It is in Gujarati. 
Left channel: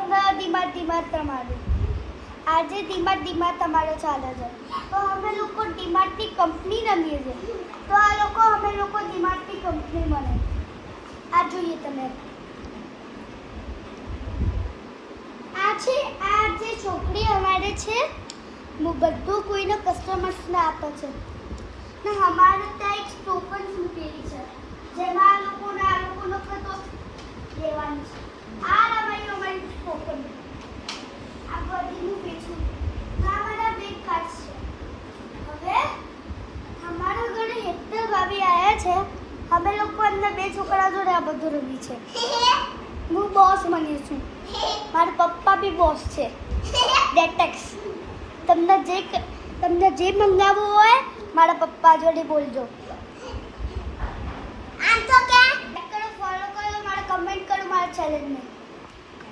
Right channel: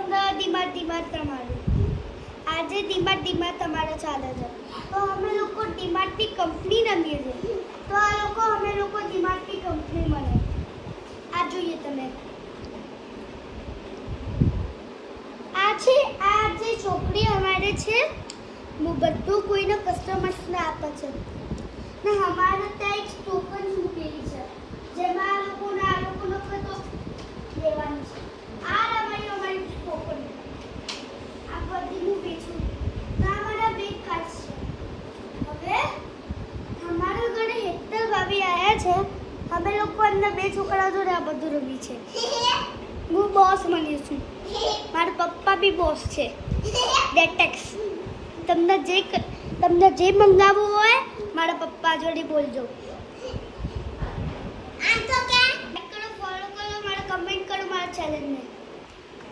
ડીમાર્ટ તમારું આજે ડીમાર્ટ તમારો ચાલે છે તો અમે લોકો ડીમાર્ટની કંપની રમીએ છીએ તો અમે લોકો ડીમાર્ટની કંપની બને આ જોઈએ તમે આ જે ચોપડી અમારે છે હું બધું કોઈને કસ્ટમર્સને આપે છે ને અમારે ત્યાં એક ટોકન મૂકેલી છે જેમાં આ લોકોનો તો લેવાનું છે આ અમારી ટોકન આ બધી હું વેચું આ મારા બે કાર્ડ છે હવે અમારા ઘરે હેતલ ભાભી આવ્યા છે અમે લોકો એમના બે છોકરા જોડે આ બધું રમી છે હું બોસ બની છું મારા પપ્પા બી બોસ છે ડેટેક્સ તમને જે મંગાવવું હોય મારા પપ્પા જોડે બોલજો આ તો કે કરો ફોલો કરો મારા કમેન્ટ કરો મારા ચેનલને